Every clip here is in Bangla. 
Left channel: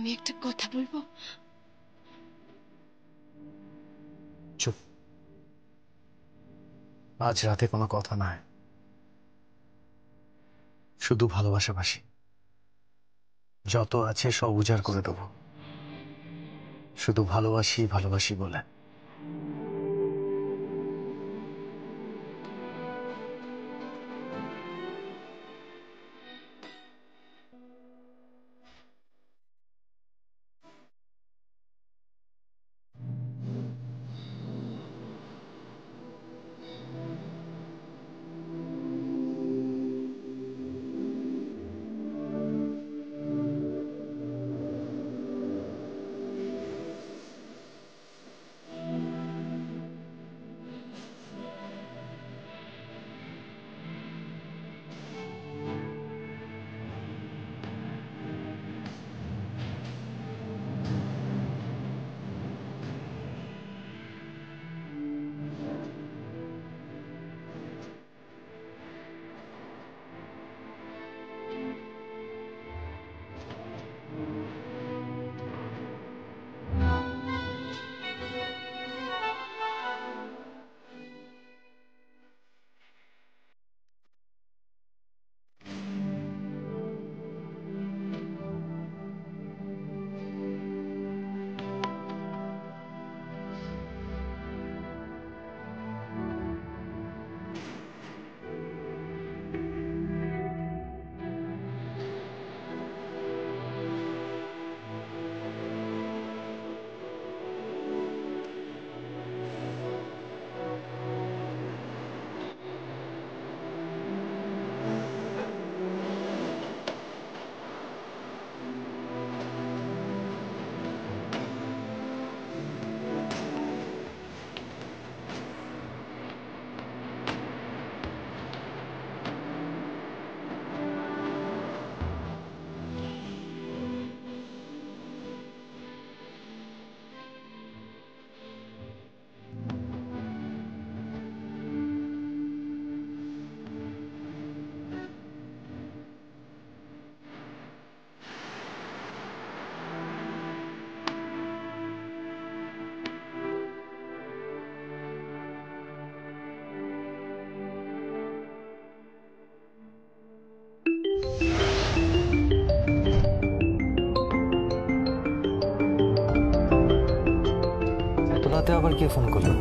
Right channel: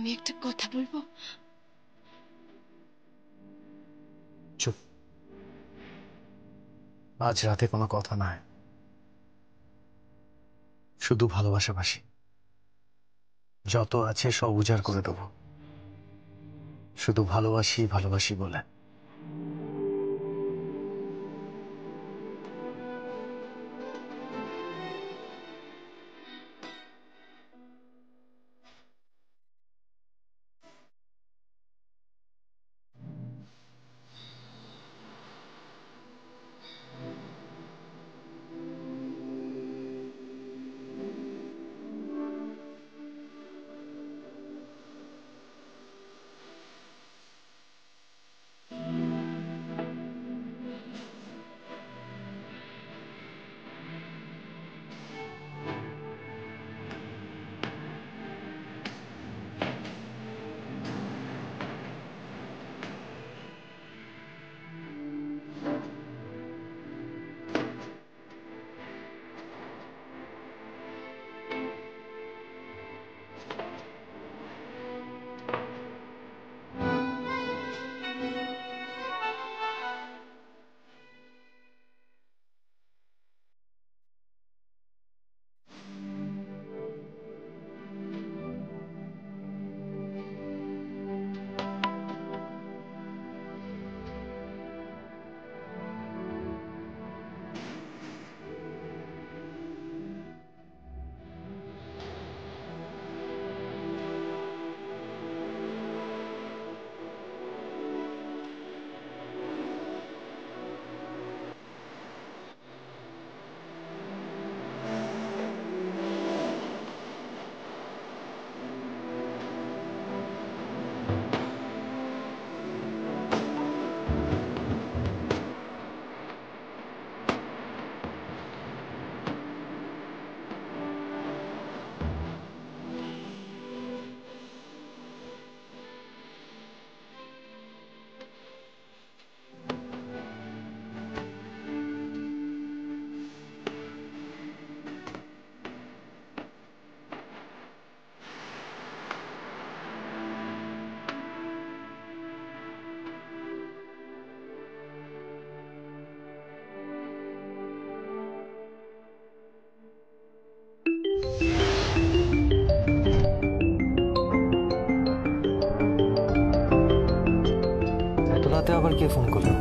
আমি একটা কথা বলবো? চুপ। আজ রাতে কোনো কথা নয়, শুধু ভালোবাসাবাসি। যত আছে সব উজাড় করে দেবো, শুধু ভালোবাসি ভালোবাসি বলে। এত রাতে আবার কে ফোন করলো?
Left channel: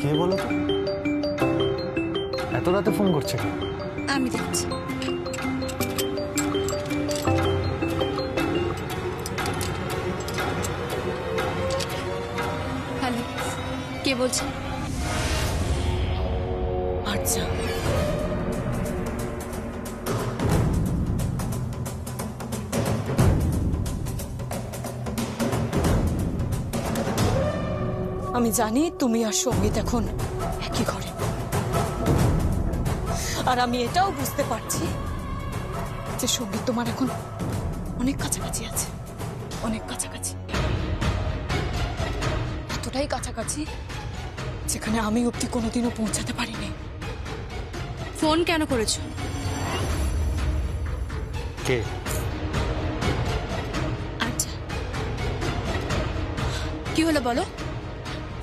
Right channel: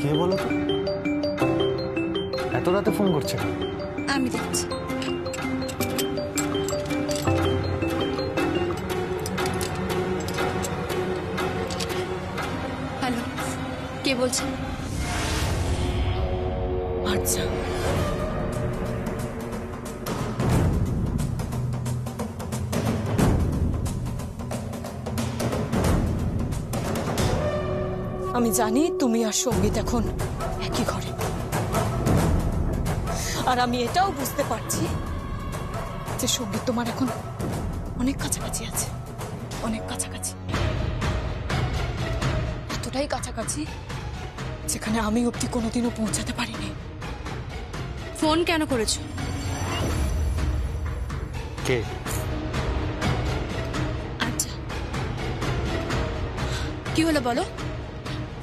কে বলো তো? এত রাতে ফোন করছে কেন? আমি দেখছি। হ্যালো, কে বলছেন? আচ্ছা, আমি জানি তুমি আর সঙ্গীত এখন একই ঘরে, আর আমি এটাও বুঝতে পারছি যে সঙ্গীত তোমার এখন অনেক কাছাকাছি আছে, অনেক কাছাকাছি, এতটাই কাছাকাছি যেখানে আমি অবধি কোনোদিনও পৌঁছাতে পারিনি। ফোন কেন করেছো? কে? আচ্ছা, কি হলো বলো?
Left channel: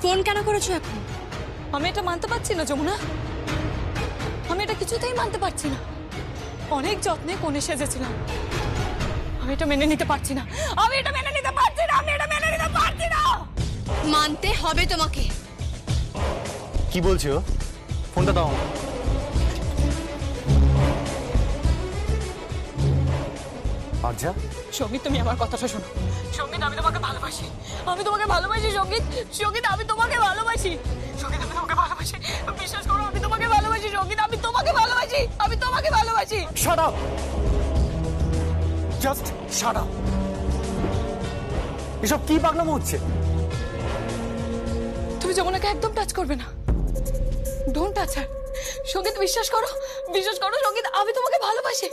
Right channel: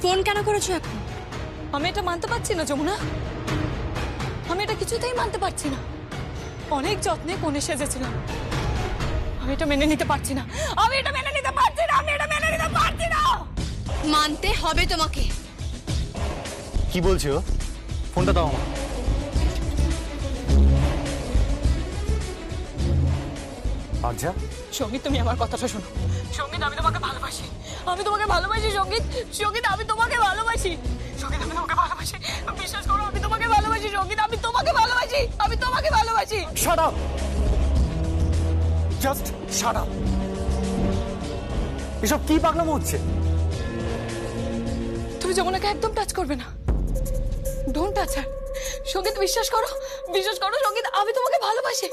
ফোন কেন করেছো এখন? আমি এটা মানতে পারছি না যমুনা, আমি এটা কিছুতেই মানতে পারছি না। অনেক যত্নে কোণে সেজেছিলাম, আমি এটা মেনে নিতে পারছি না, আমি এটা মেনে নিতে পারছি না, আমি এটা মেনে নিতে পারছি না। মানতে হবে তোমাকে। কি বলছো? ফোনটা দাও আমার। আচ্ছা সঙ্গীত, তুমি আমার কথাটা শোনো। সঙ্গীত, আমি তোমাকে ভালোবাসি, আমি তোমাকে ভালোবাসি সঙ্গীত, সঙ্গীত আমি তোমাকে ভালোবাসি, সঙ্গীত আমি তোমাকে ভালোবাসি, বিশ্বাস করো আমি তোমাকে ভালোবাসি সঙ্গীত, আমি তোমাকে ভালোবাসি, আমি তোমাকে ভালোবাসি। Shut up, just shut up. এসব কি পাগলামো হচ্ছে? তুমি যমুনাকে একদম টাচ করবে না, ডোন্ট টাচ হার, সঙ্গীত বিশ্বাস করো সঙ্গীত, আমি তোমাকে ভালোবাসি।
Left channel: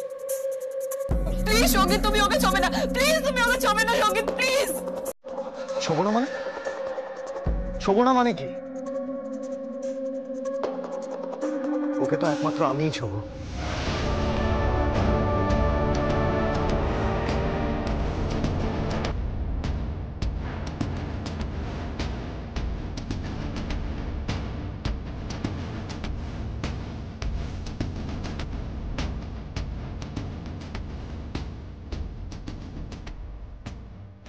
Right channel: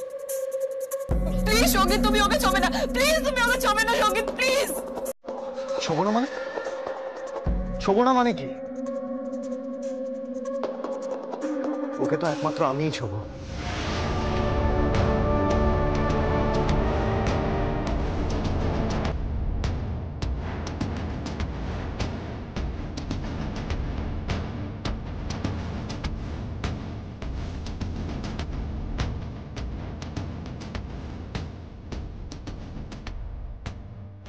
প্লিজ সঙ্গীত, তুমি ওকে ছবে না, প্লিজ তুমি ওকে ছবে না সঙ্গীত, প্লিজ। ছোবো না মানে? ছোবো না মানে কি? ওকে তো একমাত্র আমিই ছোবো।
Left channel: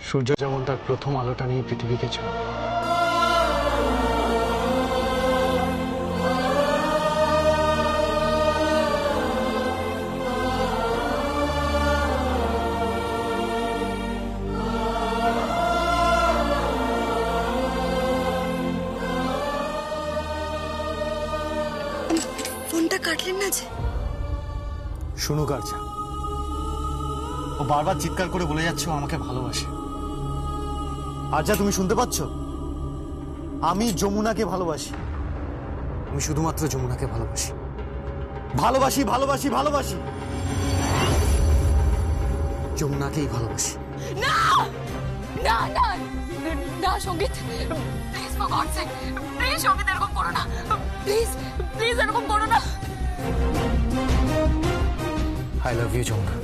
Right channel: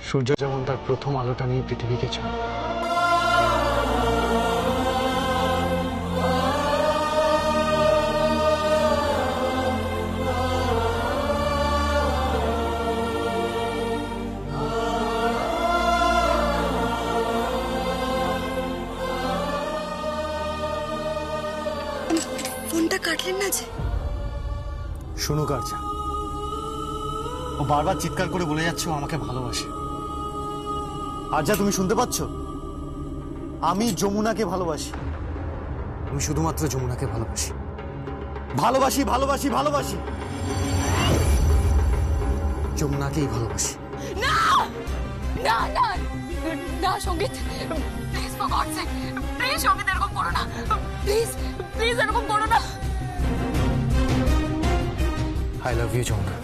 সূর্য যেমন তার প্রথম আলোটা নিয়ে পৃথিবীকে ছয়, ফোনটা কাটলেন না যে? শুনুক আরজা, ও বারবার চিৎকার করে বলে যাচ্ছে ও আমাকে ভালোবাসে। আরজা, তুমি শুনতে পাচ্ছ? আমি যমুনাকে ভালোবাসি, আমি শুধুমাত্র যমুনাকে ভালোবাসি, ভালোবাসি ভালোবাসি ভালোবাসি, যমুনাকেই ভালোবাসি। না না না না Sangeet, please for God's sake, please Sangeet এরকম করো না, প্লিজ প্লিজ এরকম করো না। I love you Jamuna.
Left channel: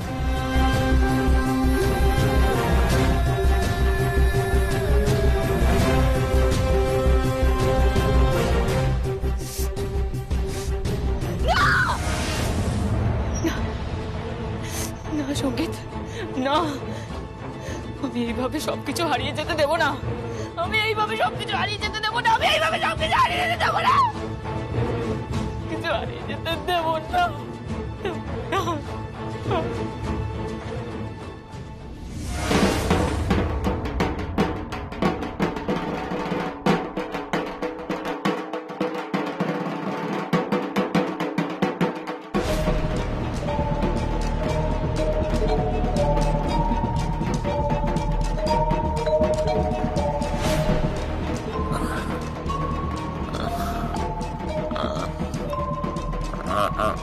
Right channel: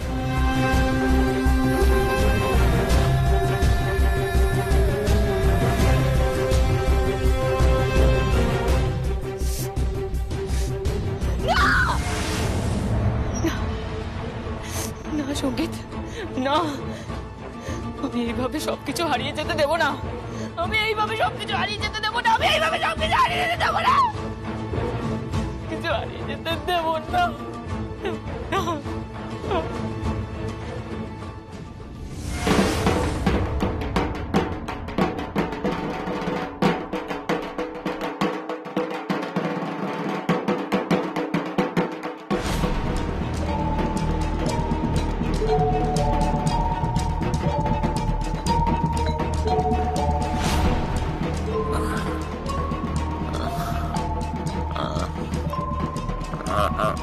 না সঙ্গীত, না, আমি এইভাবে সবকিছু হারিয়ে যেতে দেবো না, আমি এইভাবে সবকিছু হারিয়ে যেতে দেবো না, আমি এইভাবে সবকিছু হারিয়ে যেতে দেবো না, কিছু হারিয়ে যেতে দেবো না।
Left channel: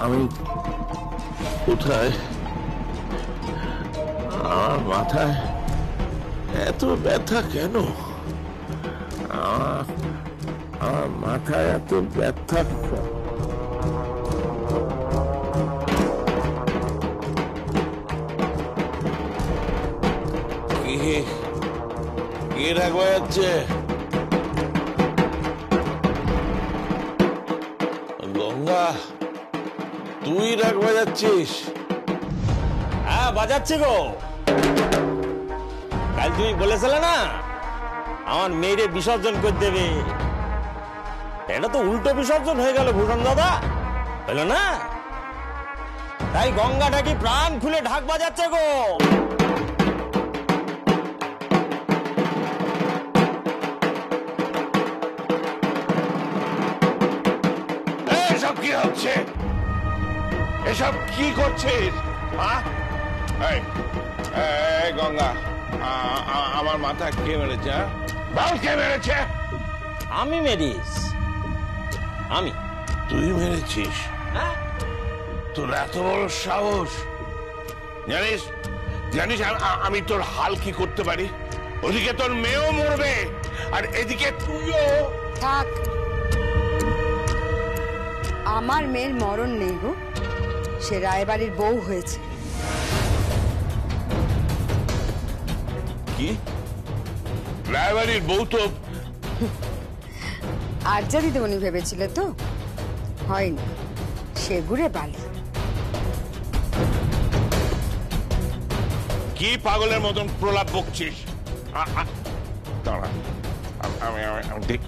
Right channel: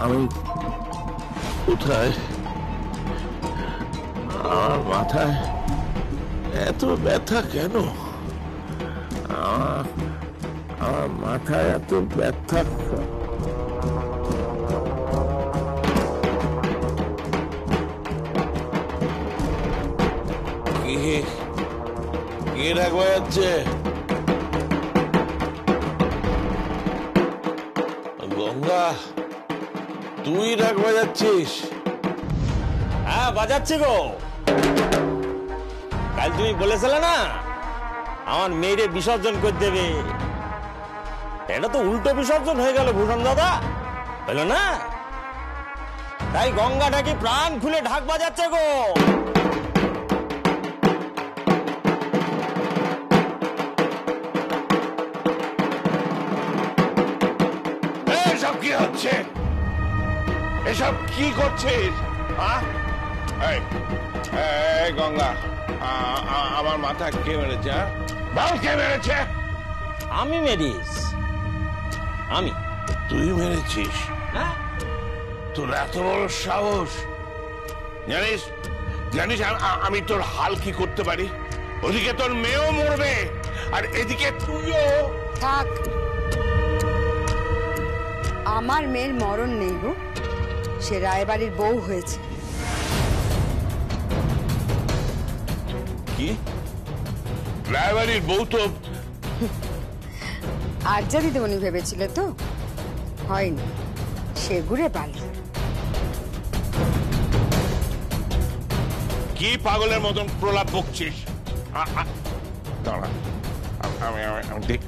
আমি কোথায়? আমার মাথায় এত ব্যথা কেন? আমার মাথায় এত ব্যথা। কে রাখবা যাচ্ছে? গঙ্গা, তুই রাগ বাজাচ্ছিস? হ্যাঁ বাজাচ্ছি গো। কাল তুমি বলেছিলে না আমার মেয়েরে বিসর্জন করে দেবে, এটা তো উল্টো বিসর্জন হয়ে গেল ভূষণ দাদা, হলো না? তাই গঙ্গা ঢাকি প্রাণ খুলে ঢাক বাজাচ্ছে গো। এসব কি হচ্ছে? এসব কি করছিস? গঙ্গা, আমার মাথা কে মেরেছে? বল কে মেরেছে? আমি মেরিস, আমি। তুই মেরেছিস? তোর এত বড় সাহস! জানিস জানিস আমি তোর হাল কি করতে পারি? ওদিকে তোর মেয়েও মরবে আর এদিকে তুইও। থাক, আমার মেয়ের মরণ নেই গো, সে রায়বাড়ির বউ হয়েছে। কি? রায়বাড়ির বউ তো? আরজা দিদিমণি ভেবেছিল তো, হয়নি, সে ঘুরে বালি। কি পাগলের মতন প্রলাপ বকছিস? দাঁড়া, আমি দেখ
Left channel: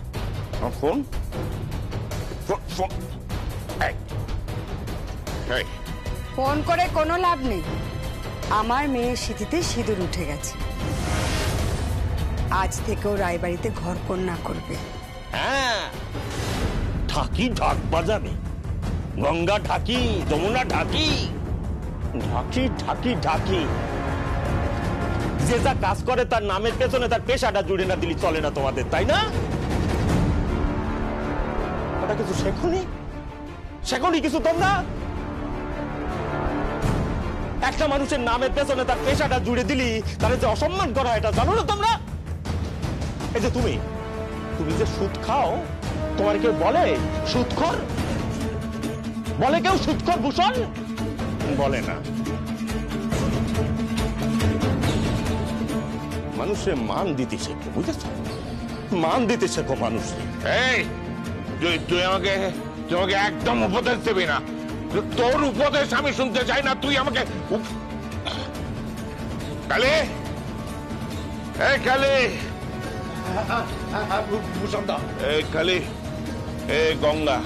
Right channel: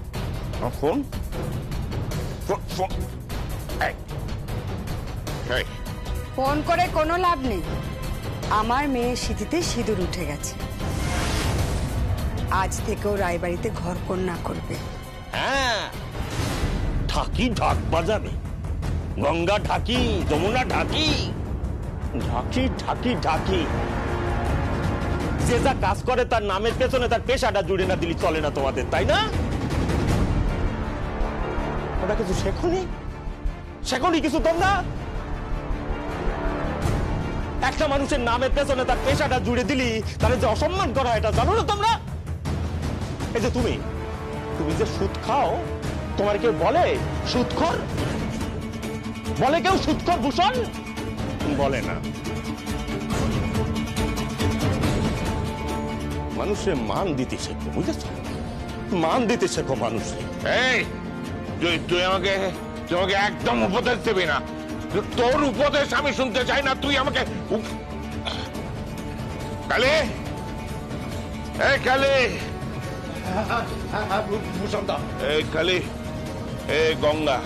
ফোন। ফোন করে কোনো লাভ নেই, আমার মেয়ের সিঁথিতে সিঁদুর উঠে গেছে, আজ থেকেও রায়বাড়িতে ঘর কন্যা করবে। হ্যাঁ, ঢাকি ঢাক বাজাবে, গঙ্গা ঢাকি, যমুনা ঢাকি, ঢাকি ঢাকি ঢাকি। যে যা কাজ করে তার নামের পেছনে তার পেশাটা জুড়ে না দিলি চলে না তোমাদের, তাই না? ওটা কিছু শেখনি? সেখানে কিছু তোমরা একটা মানুষের নামের পেছনে তার পেশাটা জুড়ে দিলি তার যে অসম্মান করা এটা জানো না তোমরা? এই যে তুমি যে সুদ খাও, তোমার কেউ বলে সুদখোর? বলে কেউ সুদখোর ভূষণ? বলে না। মানুষে মান দিতে শেখো, বুঝেছ? মান দিতে শেখো মানুষে। এই তুই আমাকে একদম উপদেশ দেবি না। তোর উপদেশ আমি শুনতে চাই না। তুই আমাকে কালে, এই কালে, ভূষণদা, এই কালে, এই গঙ্গা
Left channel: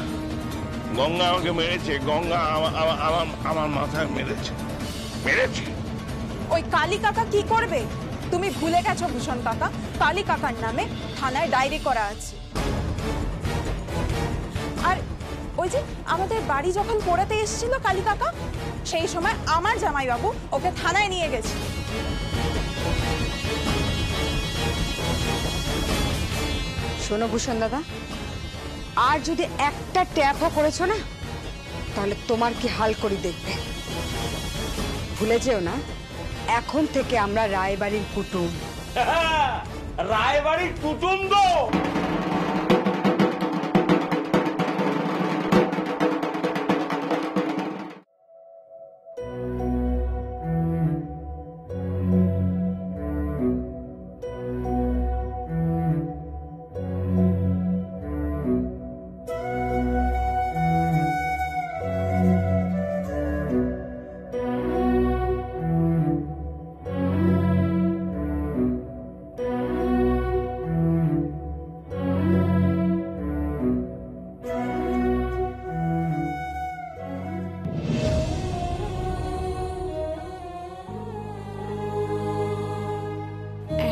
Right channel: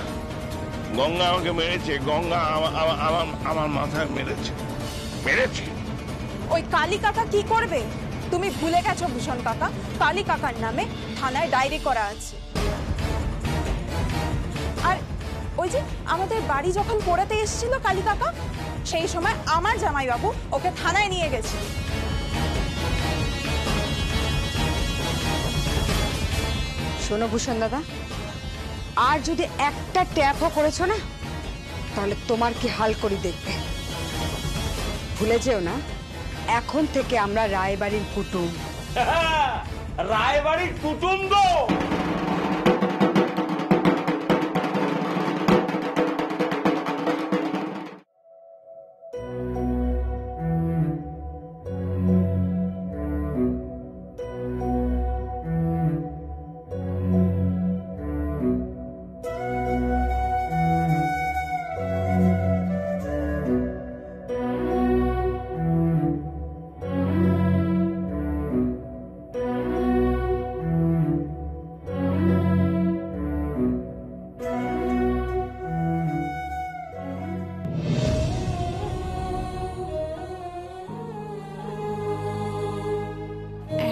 আমাকে মেরেছে। গঙ্গা আমার মাথায় মেরেছে। ওই কালী কাকা কি করবে? তুমি ভুলে গেছো ভূষণ কাকা, কালী কাকার নামে থানায় ডায়েরি করা আছে। আর ওই যে আমাদের বাড়ি যখন পোড়াতে এসেছিল কালী কাকা, সেই সময় আমার জামাইবাবু ওকে থানায় নিয়ে গেছে। শোনো ভূষণ দাদা, আর যদি একটা ট্যাপও করেছো না, তাহলে তোমার কি হাল করি দেখবে। ভুলে যেও না, এখন থেকে আমরা রায়বাড়ির কুটুম। রায়বাড়ির কুটুম গো।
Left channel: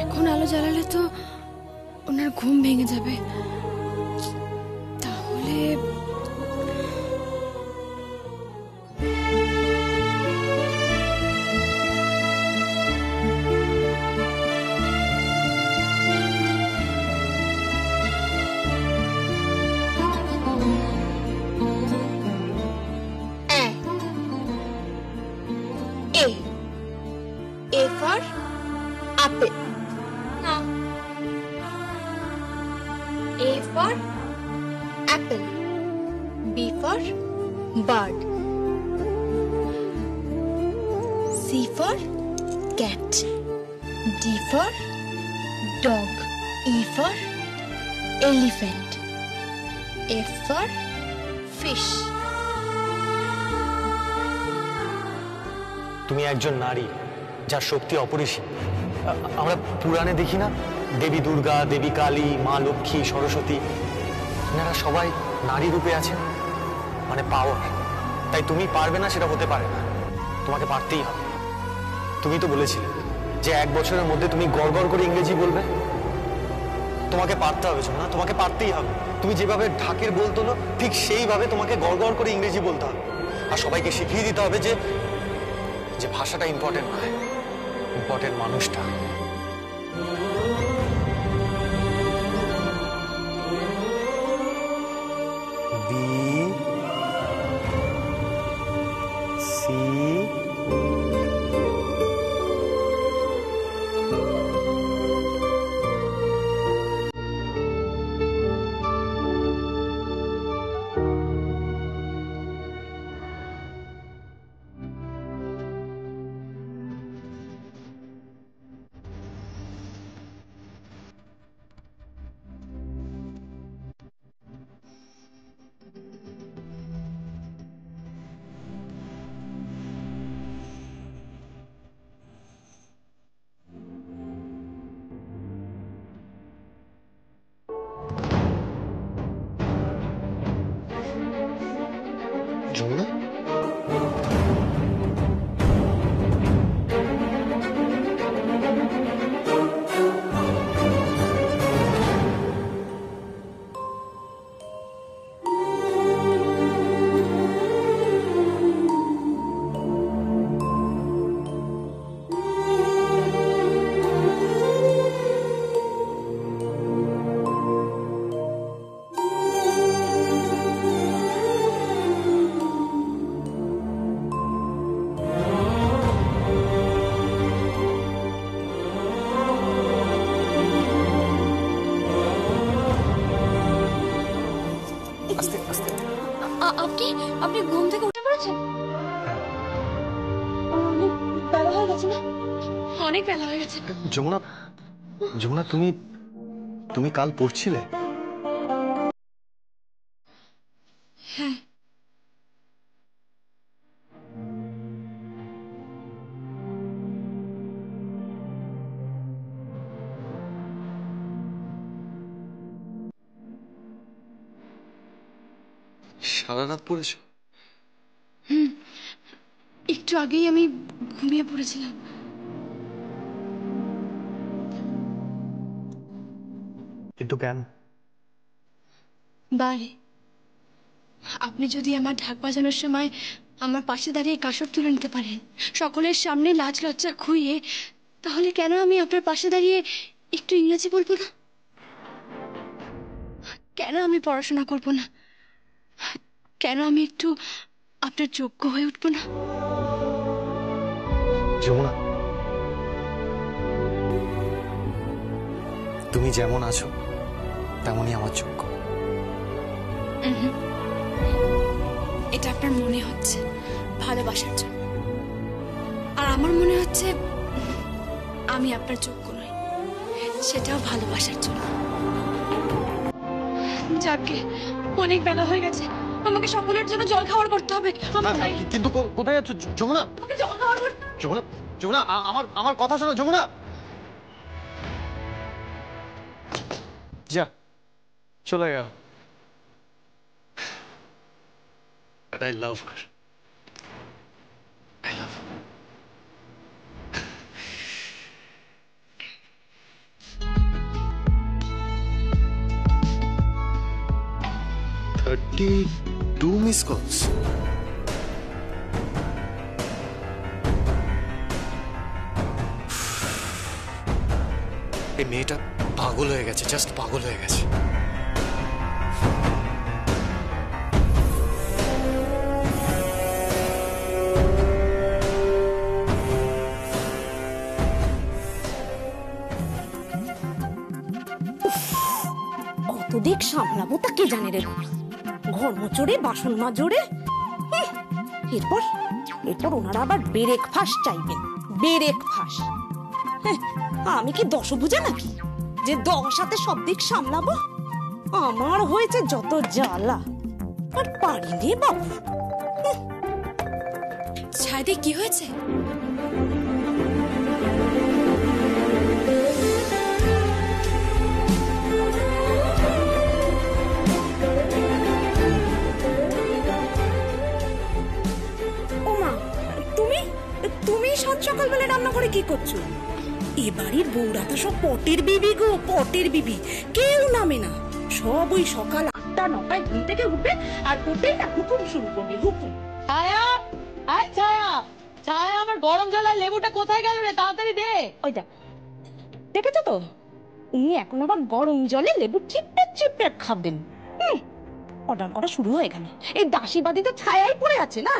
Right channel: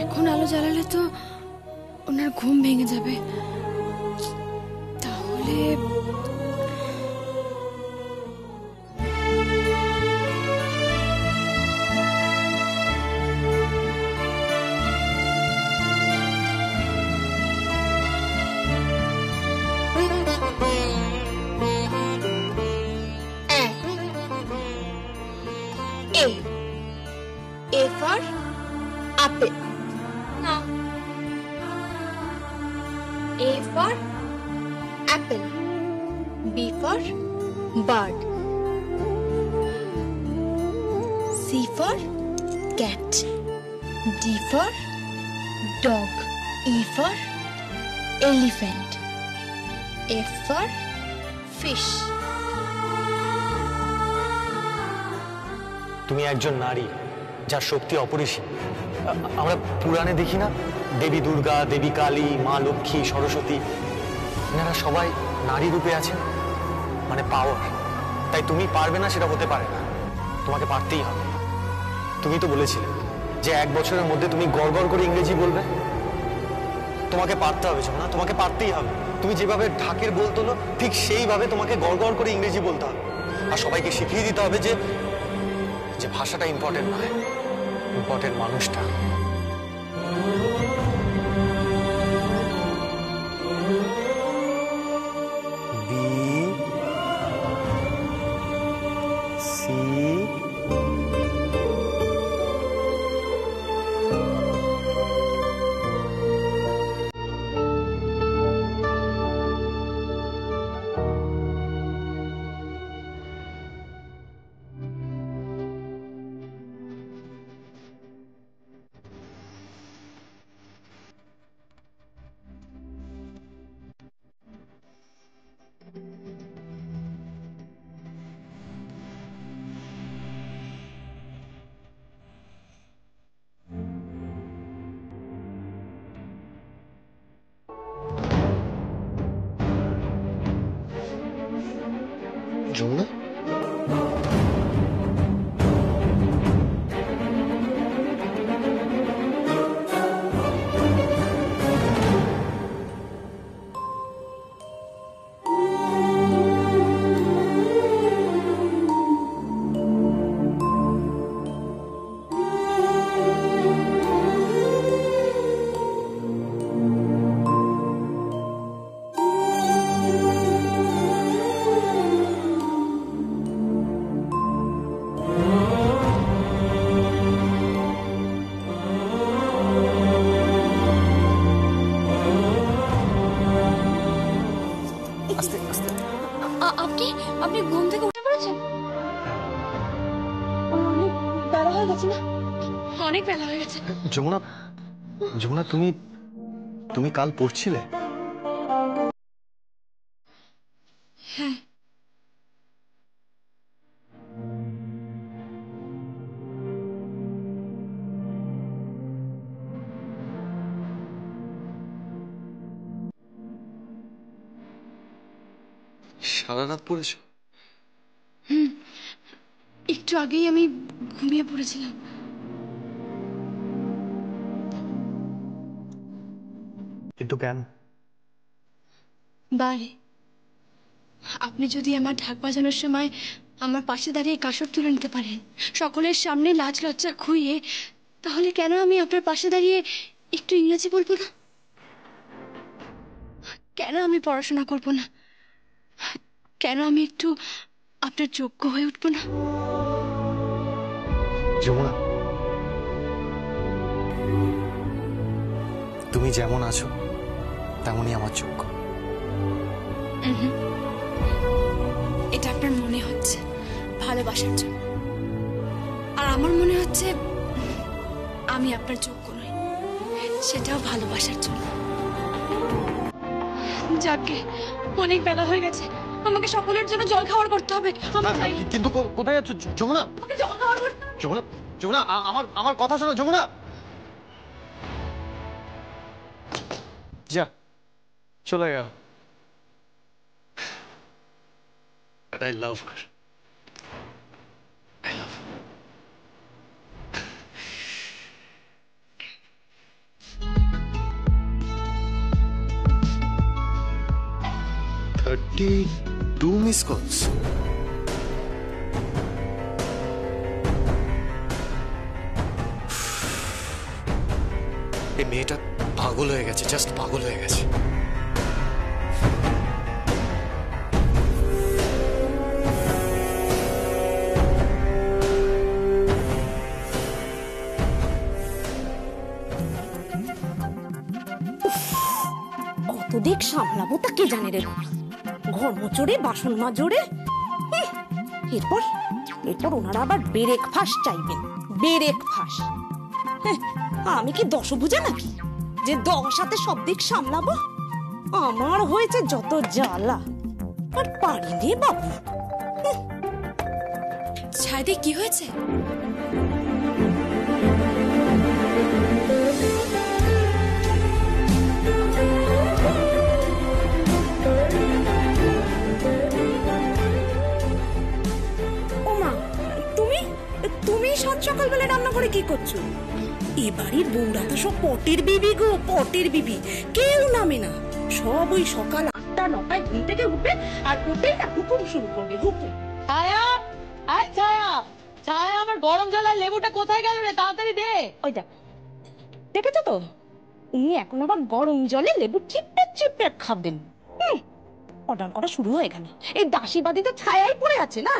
এখন আলো জ্বালালে তো ওনার ঘুম ভেঙে যাবে। তাহলে A for apple. No. A for apple. B for bird. C for cat. D for dog. E for elephant. F for fish. তুমি একজন নারী যার শক্তি অপরিসীম। আমরা পুরাণে দেখি না, দেবী দুর্গা, দেবী কালী, মা লক্ষ্মী, সরস্বতী, এনারা সবাই নারী রূপে আছেন, মানে পাওয়ার। তাই তুমি পারবে না সেটা হতে পারে না, তোমাকে পারতেই হবে। তুমি তো বলেছিলে যে 1 বছরের মধ্যে তুমি গড় গড় করে ইংরেজি বলবে। তোমাকে পারতে হবে না, তোমাকে পারতেই হবে। তুমি যেভাবে ঢাকের বল তোলো, ঠিক সেইভাবে তোমাকে গড় গড় করে ইংরেজি বলতে হবে। আর সবাইকে শিখিয়ে দিতে হবে যে ভাষাটা ইম্পর্টেন্ট নয়, ইম্পর্টেন্ট মানুষটা। বি সি যমুনা, পড়েছেন? অনেক বেলা হয়ে গেছে না? অনেক বেলা হয়ে গেছে। যমুনা, যমুনা তুমি তুমি কাল পড়ছিলে? হ্যাঁ। সারা রাত পড়েছো? একটু আগেই আমি ঘুমিয়ে পড়েছিলাম। কিন্তু কেন? বারে আপনি যদি আমার ঢাক বাজানোর সময় আমার পাশে দাঁড়িয়ে কাসর তুলে নিতে পারেন, সকলের সামনে লাজ লজ্জা খুইয়ে, তাহলে কেন আমি আপনার পাশে দাঁড়িয়ে একটু ইংরেজি বলবো না? কেন আমি পড়াশোনা করব না? কেন আমি একটু আপনার যোগ্য হয়ে উঠব না? যমুনা, তুমি যেমন আছো তেমনই আমার যোগ্য। এটা আপনার মনে হচ্ছে ভালোবাসার জন্য, আর আমার মনে হচ্ছে আমি আপনার যোগ্য নই, সেটাও ভালোবাসার জন্য। যাকে অনেক বেলা হয়ে গেছে, আমাকে সকলের জন্য জল খাওয়ার করতে হবে। কিন্তু কোথায় যাচ্ছ যমুনা? জল খাওয়ার করতে যমুনা, যমুনা, আমার কথা শোনো যমুনা। যা চলে গেল। But I love her. I love her. $32 missed calls. এই মেয়েটা পাগল হয়ে গেছে, জাস্ট পাগল হয়ে গেছে। কত দিক সামলাবো তা কে জানে রে। ঘর মোচড়ে, বাসন মাজড়ে, এরপর এরপর ওনারা আবার বেরেক ফাঁস চাইবেন। বেরেক ফাঁস? আমি কি দশভুজা নাকি যে 10 হাতে সব দিক সামলাবো? আমার হয়েছে যত জ্বালা, আর পারিনি বাবু। ছাদি কি হয়েছে? তুমি সাত সকালবেলা রান্না করে কি করছো? এ বাড়ির বউরা তো সব পটের বিবি গো, পটের বিবি। কেউ নামে না, সব ওই সকাল 8টা 9টায় ঘুম থেকে উঠবে, আর উঠে হুকুম শুরু করবে, হুকুম। ছায়া, আয় ছায়া, ছায়া, আমার গরম জলের লেবুটা কোথায় গেল রে? তাড়াতাড়ি দে। ওই দেখ, দেখেছো তো, উনি এখন আবার গরম জলে লেবু চিপে চিপে খাবেন। অর্ডার করা শুরু হয়ে গেল। এই দাসীবাদী তো ছায়াই পড়ে আছে না,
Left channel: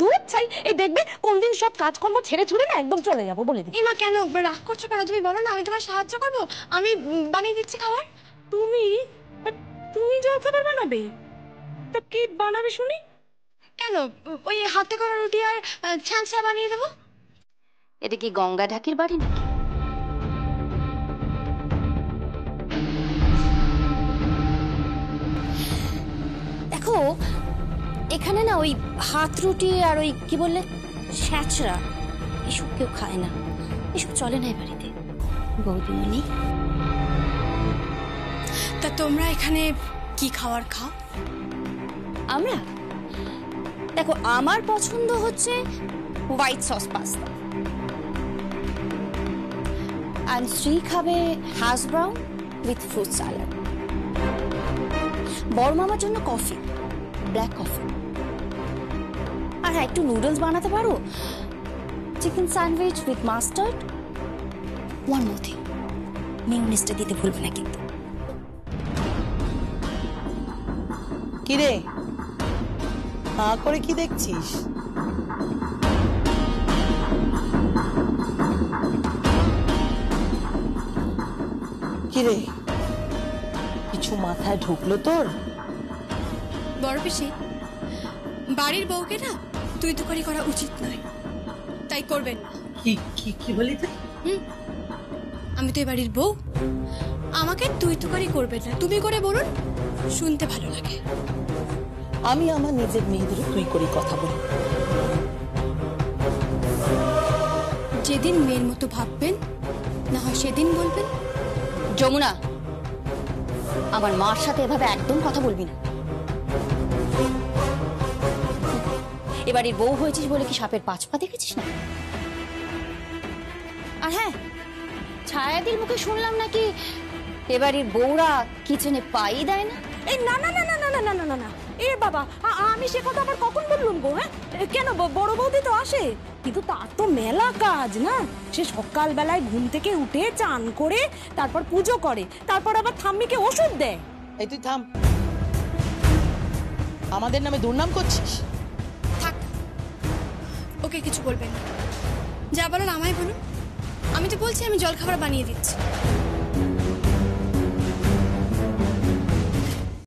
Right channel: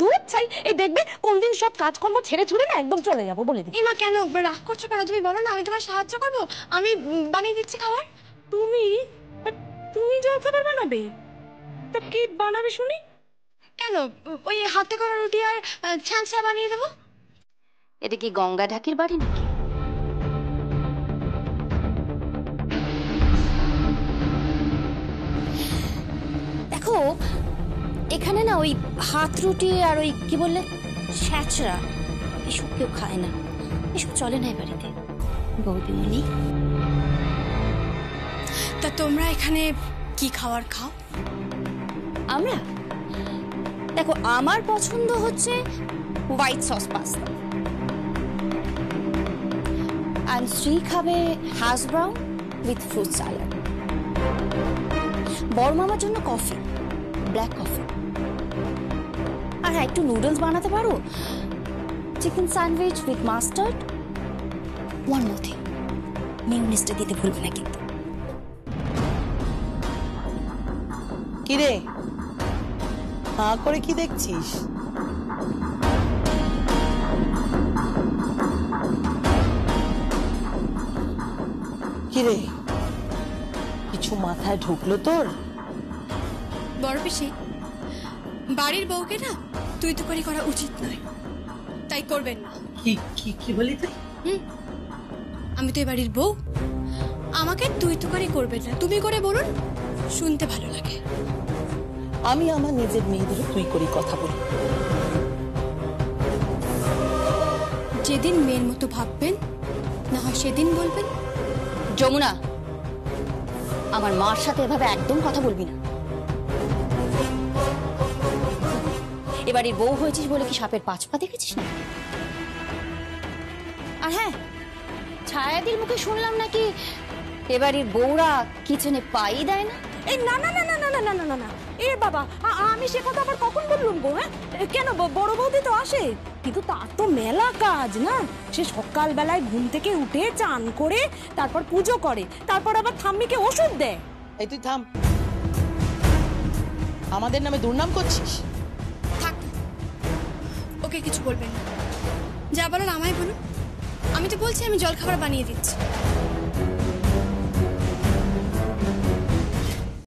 দুধ ছাই। এই দেখবে কোনদিন সব কাজকর্ম ছেড়ে ছুড়ে না একদম চলে যাবো বলে দিই। ইমা কেন রাগ করছো কেন? তুমি বলো না, আমি তোমার সাহায্য করবো, আমি বানিয়ে দিচ্ছি খাবার। তুমি তুমি জল খাবার বানাবে? তা কি বানাবে শুনি? কেন, ওই হাতে করা রুটি আর ছ্যাঁচা বানিয়ে দেবো। এটা কি গঙ্গা ঢাকির বাড়ি নাকি? দেখো, এখানে না ওই হাত রুটি আর ওই কি বললে ছ্যাঁচড়া, এসব কেউ খায় না, এসব চলে না এই বাড়িতে বৌদিমণি। তা তোমরা এখানে কি খাবার খাও? আমরা, দেখো, আমার পছন্দ হচ্ছে হোয়াইট সস পাস্তা, আর শ্রী খাবে hash brown with fruit salad. বড় মামার জন্য কফি, ব্ল্যাক কফি। আর হ্যাঁ, একটু নুডলস বানাতে পারো, chicken sandwich with mustard. One more thing, মিউনিসটা দিতে ভুলবে না কিন্তু। কিরে, হাঁ করে কি দেখছিস? কিরে, কিছু মাথায় ঢুকলো তোর? বড় পিসি, বাড়ির বউকে না তুই তুকারি করা উচিত নয়, তাই করবেন না। কি কি কি বলি তুই? আমি তো এই বাড়ির বউ, আমাকে তুই তুকারি করবেন না, তুমি করে বলুন, শুনতে ভালো লাগে। আমি আমার নিজের মেয়েদের তুই করি কথা বলি। যেদিন মেয়ের মতো ভাববেন না হয় সেদিন বলবেন। যমুনা, আমার মার সাথে এভাবে একদম কথা বলবি না। এবারের বউ হয়েছিস বলে কি সাপের পাঁচ পা দেখেছিস না? আর হ্যাঁ, ছায়াদির মুখে শুনলাম নাকি এবারের বউরা কিচেনে পাই দেয় না। এই না না না না না না না না না না, এ বাবা, আমি সে কথা আবার কখন বললুম গো? হ্যাঁ, কেন, বড় বৌদি তো আসে, কিন্তু তার তো মেলা কাজ না। সে সকালবেলায় ঘুম থেকে উঠে চান করে তারপর পুজো করে, তারপর আবার ঠাম্মিকে ওষুধ দেয়। এই তুই থাম, আমাদের নামে দুর্নাম করছিস। থাক, ওকে কিছু বলবেন না, যা বলার আমায় বলুন। আমি তো বলছি আমি জলখাবার বানিয়ে দিচ্ছি।